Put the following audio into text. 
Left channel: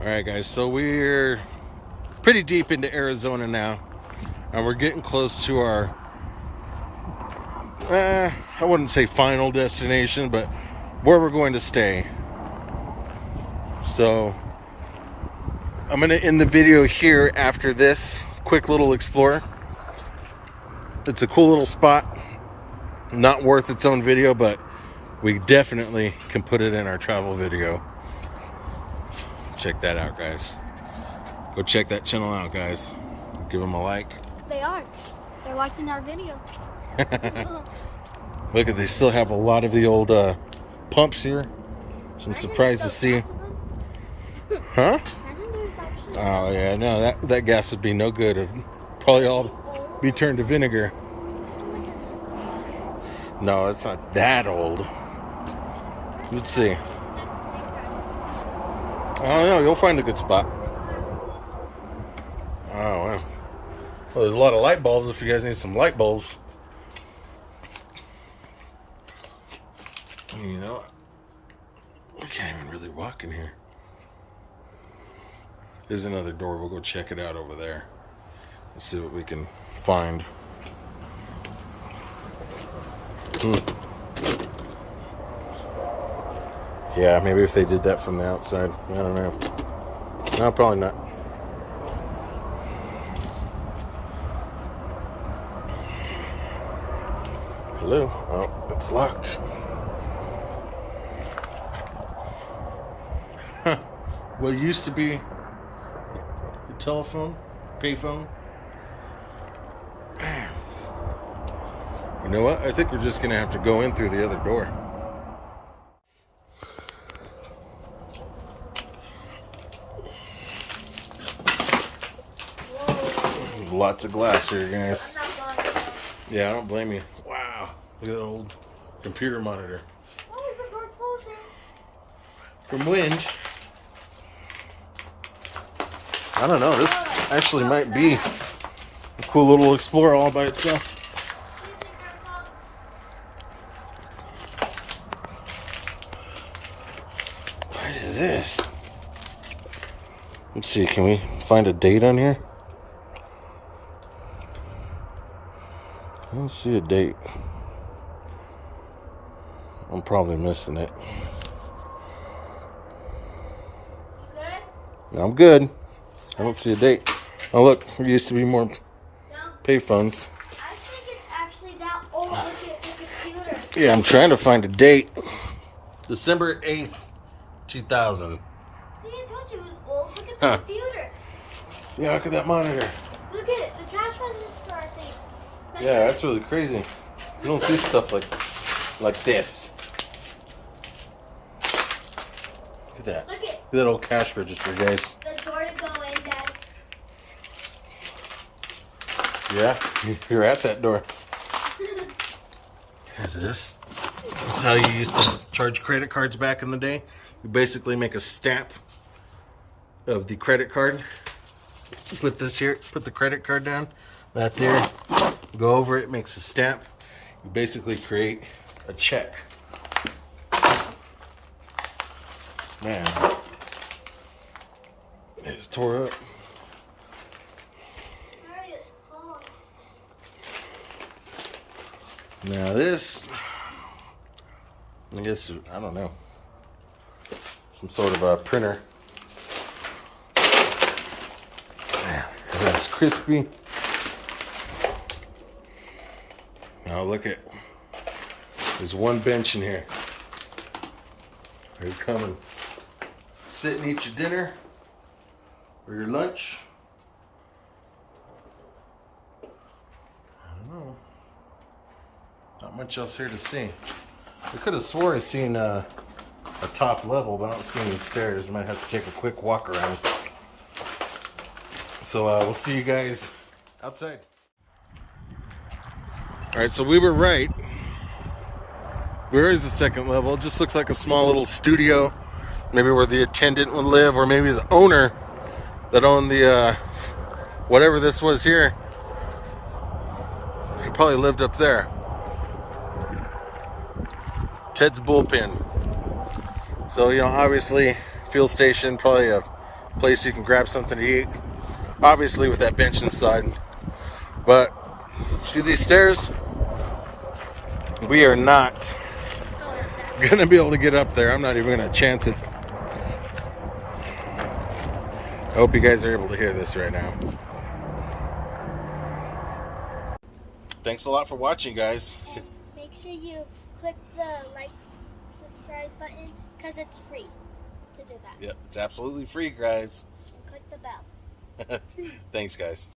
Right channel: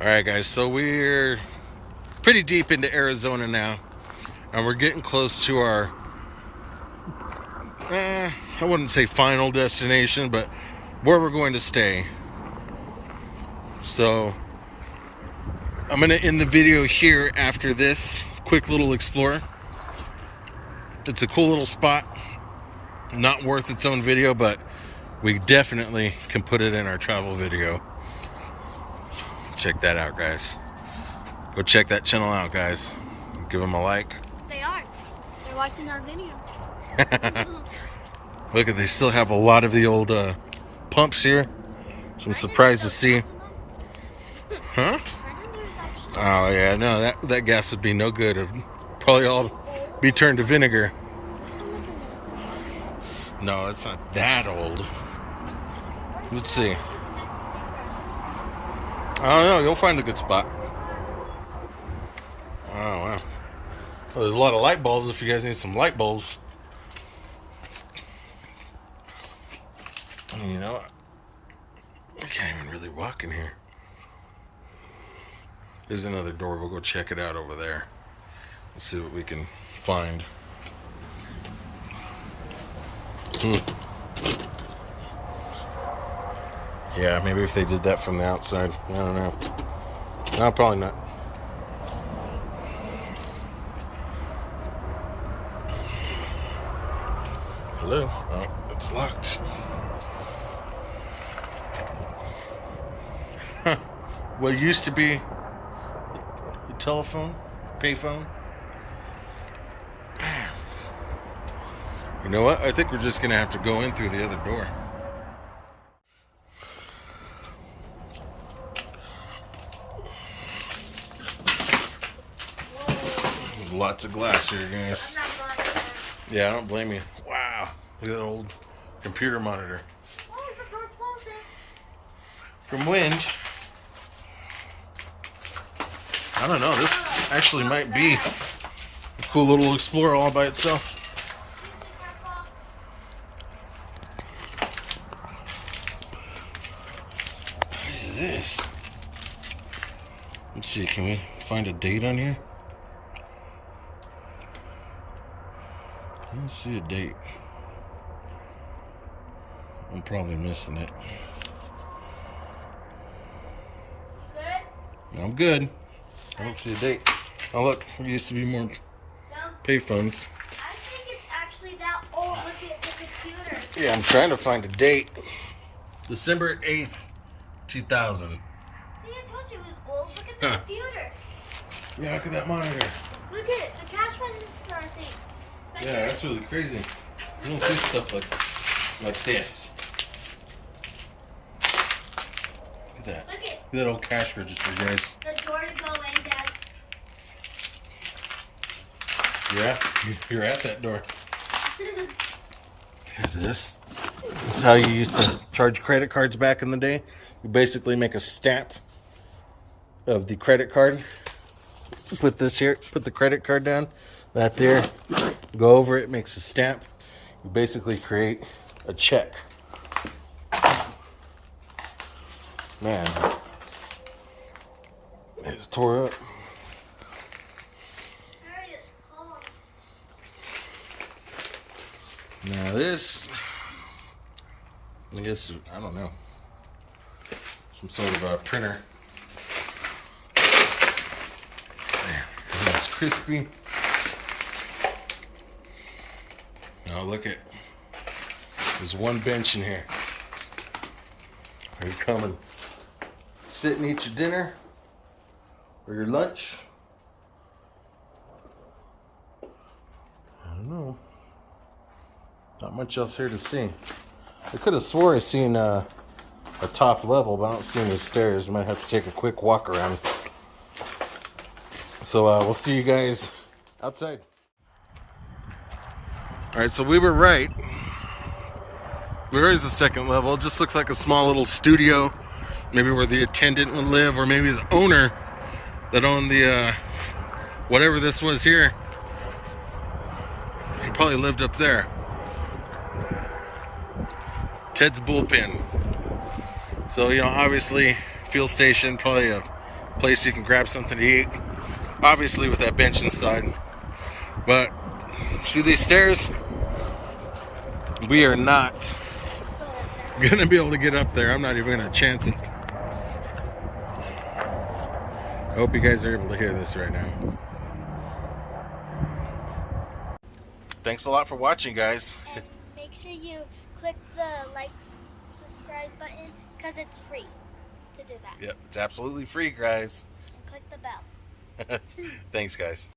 All right, guys, so we're pretty deep into Arizona now, and we're getting close to our, I wouldn't say final destination, but where we're going to stay. So I'm going to end the video here after this quick little explore. It's a cool little spot. Not worth its own video, but we definitely can put it in our travel video. Check that out, guys. Go check that channel out, guys. Give them a like. They are. They're watching our video. Look, they still have a lot of the old pumps here. So I'm surprised to see. Huh? Oh yeah, no, that gas would be no good. It'd probably all be turned to vinegar. No, it's not that old. Let's see. I don't know. You'll find a good spot. Oh, wow. Well, there's a lot of light bulbs if you guys need some light bulbs. You know, we can't even really walk in here. There's another door. We'll go check it out over there. Let's see what we can find. Yeah, maybe if they did that from the outside. I don't know. No, probably not. Hello? Oh, it's locked. What used to be a telephone, payphone. You know what? I think we're just going to have to go in through the other door. There's lots of glass here, guys. Yeah, I don't blame you. Wow. Look at that old computer monitor. From wind. I don't know. This actually might be a cool little explorer all by itself. What is this? Let's see. Can we find a date on here? I don't see a date. I'm probably missing it. Good? I'm good. I don't see a date. Oh look, there used to be more payphones. I think it's actually that old. Look at the computer. Yeah, I'm trying to find a date. December 8th, 2000. See, I told you it was old. Look at the computer. Yeah, look at that monitor. Look at it. The cash register, I think. Yeah, that's really crazy. You don't see stuff like this. Look at that. Look Look at that old cash register, guys. the door to go in, Dad. Yeah, you're at that door. Here's this. This is how you used to charge credit cards back in the day. You basically make a stamp of the credit card. Put this here, put the credit card down. That there. Go over it, makes a stamp. You basically create a check. Man. It's tore up. Now this, I guess, I don't know, some sort of a printer. Yeah, that's crispy. Now look at, there's one bench in here. You come and sit and eat your dinner or your lunch. I don't know. Not much else here to see. I could have swore I seen a top level, but I don't see any stairs. Might have to take a quick walk around. So we'll see you guys outside. All right, so we were right. There is a second level. It just looks like a small little studio, maybe where the attendant would live, or maybe the owner that owned the whatever this was here. He probably lived up there. Ted's bullpen. So, you know, obviously, fuel station, probably a place you can grab something to eat. Obviously with that bench inside. But see these stairs? We are not gonna be able to get up there. I'm not even gonna chance it. I hope you guys are able to hear this right now. Thanks a lot for watching, guys. And make sure you click the like, subscribe button because it's free to do that. Yep, it's absolutely free, guys. And click the bell. Thanks, guys.